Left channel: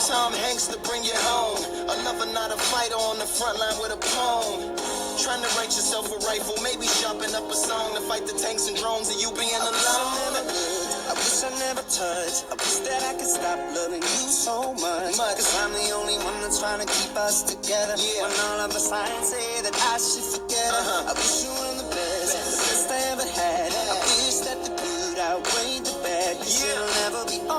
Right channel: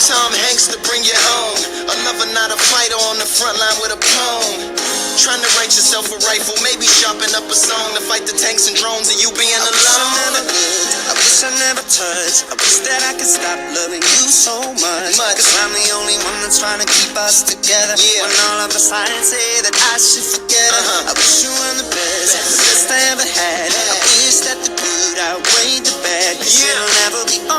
Tom Hanks to bring you home. Another night a fighter on the front line with a poem. Trying to write yourself a rifle, maybe sharpen up a song to fight the tanks and drones and you being alone. I wish I never touched. I wish that I could stop loving you so much. Cause I'm the only one that's trying to keep us together. When all of the signs say that I should forget her. I wish you were the best I ever had. I wish that the good outweighed the bad. Cause it'll never be